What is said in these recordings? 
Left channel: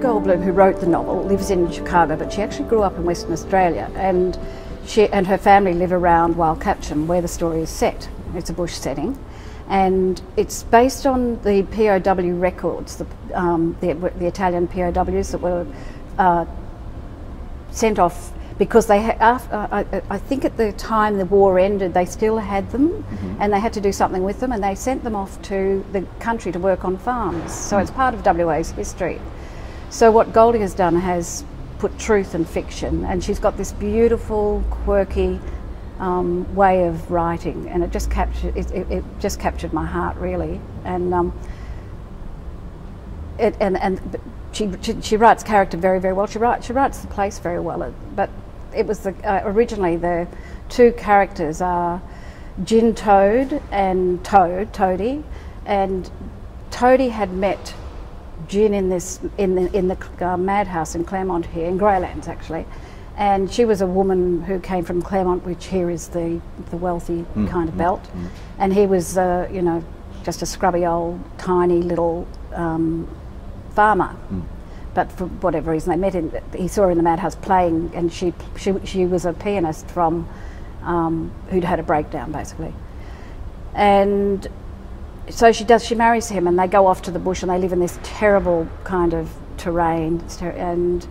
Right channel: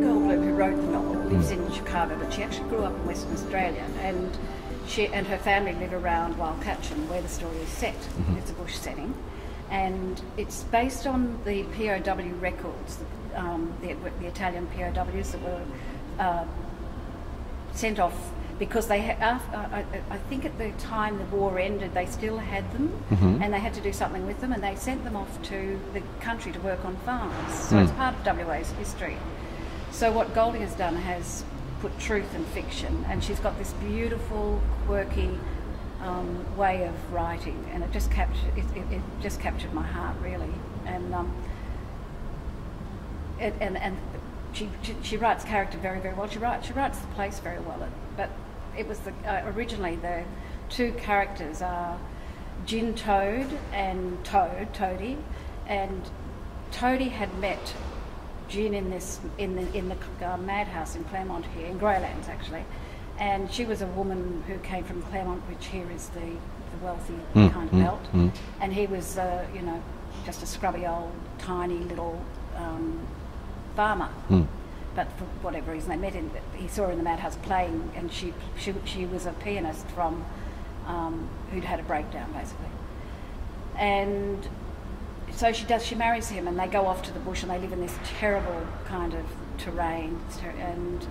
Goldbloom, who wrote the novel, lives in Chicago, but she actually grew up in Western Australia, and she and her family live around Wild Catcham, where the story is set. It's a bush setting, and it's based on the POW records, the Italian POWs that were sent off because they I think at the time the war ended, they still had them, and they had to do something with them, and they sent them off to the country to work on farms. So it's part of WA's history. So what Goldie has done has put truth and fiction, and she's got this beautiful, quirky way of writing, and it just captured it just captured my heart, really. And she writes character very, very well. She writes the place very well. But it was originally the two characters are Gin Toad and Toadie, and Toadie had met Gin in the madhouse in Claremont here, in Greylands actually, and she was a woman who came from Claremont, which here is the wealthy kind of belt, and he was you know, just a scrubby old tiny little farmer. But for whatever reason they met him. He saw her in the madhouse playing, and she was a pianist from who'd had a breakdown basically, and so she marries him, and they go off to the bush, and they live in this terrible kind of terrain. And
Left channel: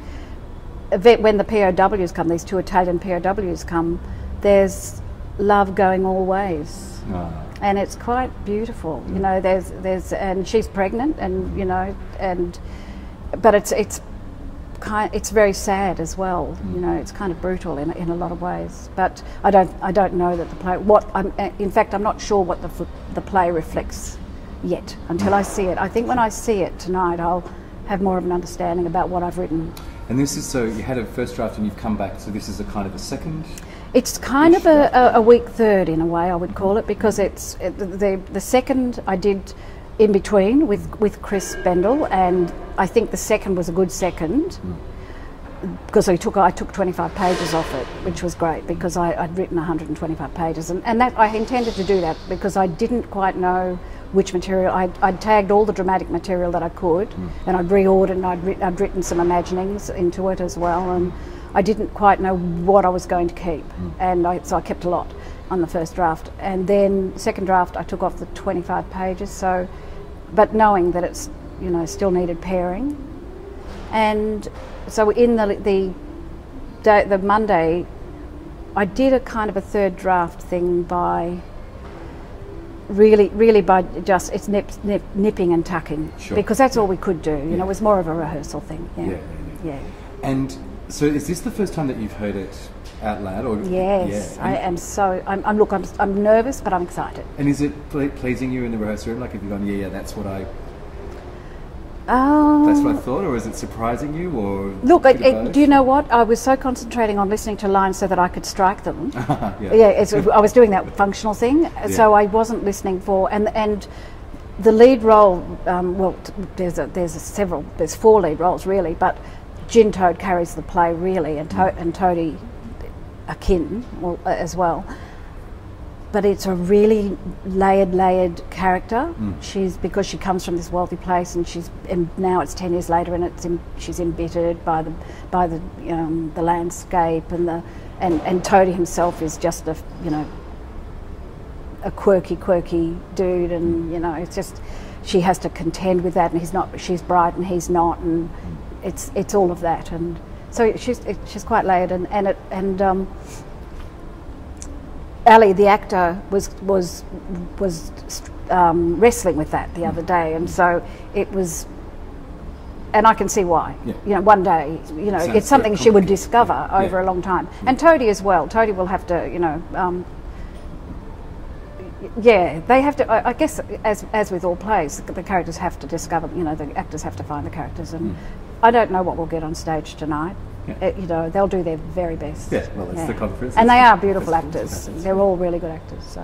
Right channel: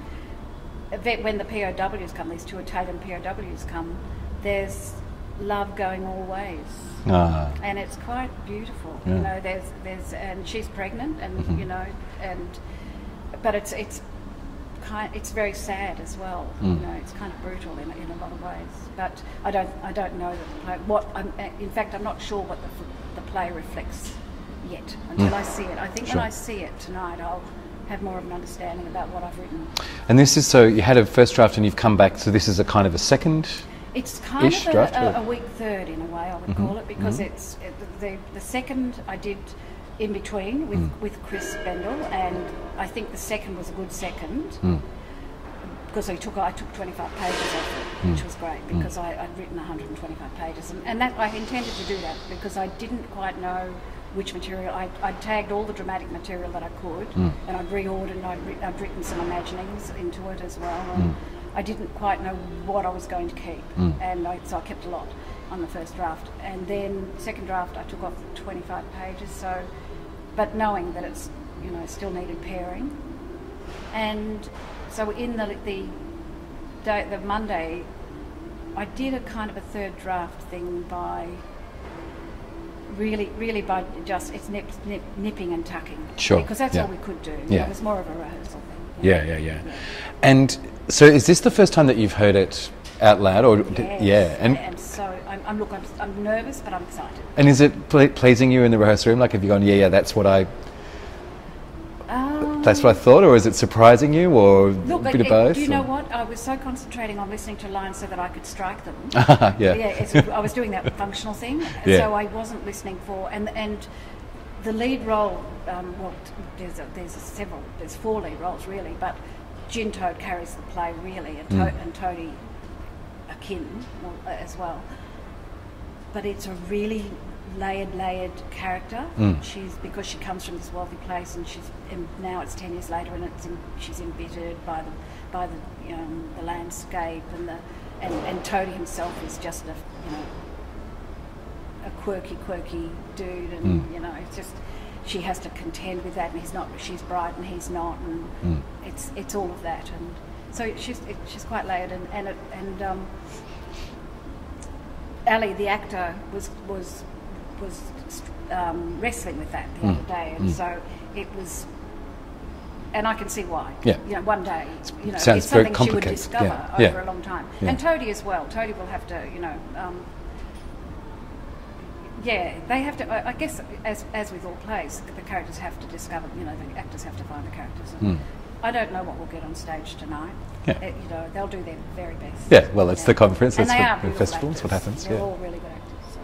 when the POWs come, these two Italian POWs come, there's love going all ways, and it's quite beautiful. You know, there's and she's pregnant, and you know, but it's very sad as well. You know, it's kind of brutal in a lot of ways. But I don't know that the play. In fact, I'm not sure what the play reflects yet until I see it. I think when I see it tonight, I'll have more of an understanding about what I've written. And this is, so you had a first draft and you've come back, so this is a kind of a second. It's kind of a weak third in a way, I would call it, because the second I did in between with Chris Bendel, and I think the second was a good second because I took 25 pages off it, which was great because I'd written 125 pages, and that I intended to do that because I didn't quite know which material. I'd tagged all the dramatic material that I could, and I'd reordered, and I'd written some imaginings into it as well, and I didn't quite know what I was going to keep, and so I kept a lot on the first draft, and then second draft I took off the 25 pages. So, but knowing that it's, you know, still needed pairing, and so in the Monday, I did a kind of a third draft thing by really by just nipping and tucking, because that's all we could do. You know, it was more of a rehearsal thing. Yeah. And so, is this the first time that you've heard it out loud, or yes, I am. So I'm nervous, but I'm excited. And is it pleasing you in the rehearsal room? Like, have you gone, that's what I thought, or is it surprising you, or look? Do you know what? I was so concentrating on listening to lines so that I could strike them. I was doing that functional thing, so I wasn't listening for and the lead role. Well, there's 4 lead roles really, but Gin Toad carries the play really, and Toadie akin as well. But it's a really layered character. Because she comes from this wealthy place, and now it's 10 years later, and she's embittered by the landscape, and Toadie himself is just a quirky dude, and you know, it's just she has to contend with that, and she's bright and he's not, and it's all of that, and so she's quite layered, and Ali, the actor, was wrestling with that the other day, and so it was, and I can see why. You know, one day, you know, it's something she would discover over a long time, and Toadie as well. Toadie will have to, you know, they have to. I guess, as with all plays, the characters have to discover. You know, the actors have to find the characters, and I don't know what we'll get on stage tonight. You know, they'll do their very best. Well, it's the conference, and they are beautiful actors. They're all really good actors. So,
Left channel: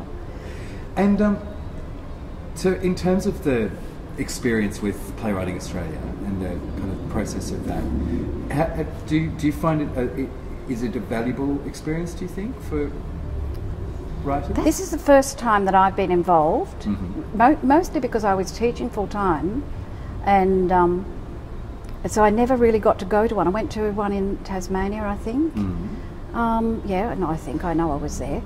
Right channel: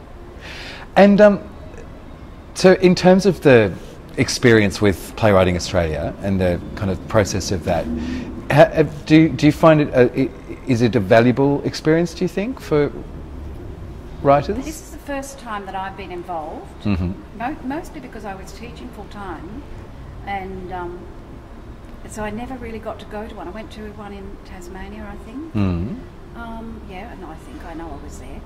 and so in terms of the experience with Playwriting Australia and the kind of process of that, do you find it? Is it a valuable experience, do you think, for writers? This is the first time that I've been involved, mostly because I was teaching full time, and so I never really got to go to one. I went to one in Tasmania, I think. Yeah, no, I know I was there.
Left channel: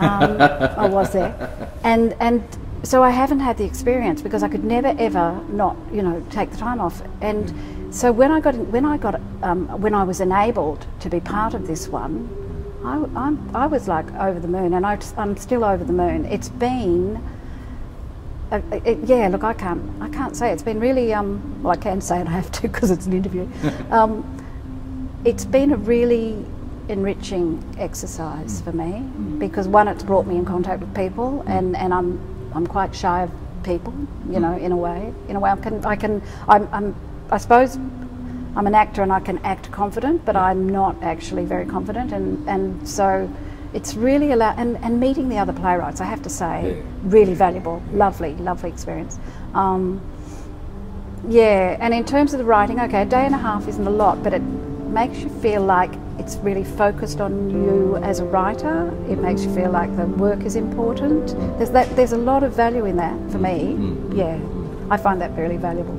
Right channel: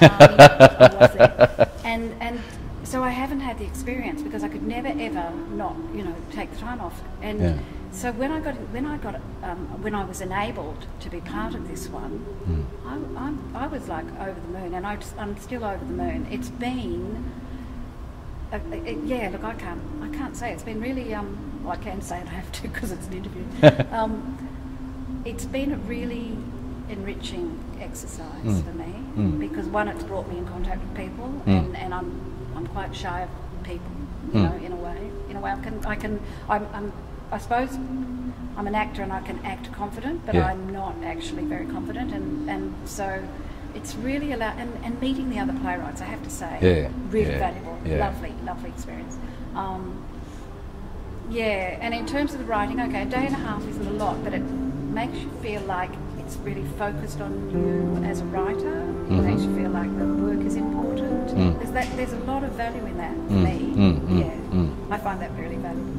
I was there, and so I haven't had the experience because I could never ever not, you know, take the time off. And so when I was enabled to be part of this one, I was like over the moon, and I'm still over the moon. It's been. Yeah, look, I can't say. It's been really, well, I can say it, I have to because it's an interview. It's been a really enriching exercise for me because one, it's brought me in contact with people, and I'm quite shy of people, you know, in a way. I suppose I'm an actor and I can act confident, but I'm not actually very confident, and so it's really and meeting the other playwrights, I have to say, really valuable, lovely experience. Yeah, and in terms of the writing, okay, a day and a half isn't a lot, but it makes you feel like it's really focused on you as a writer. It makes you feel like the work is important. There's a lot of value in that for me. I find that very valuable.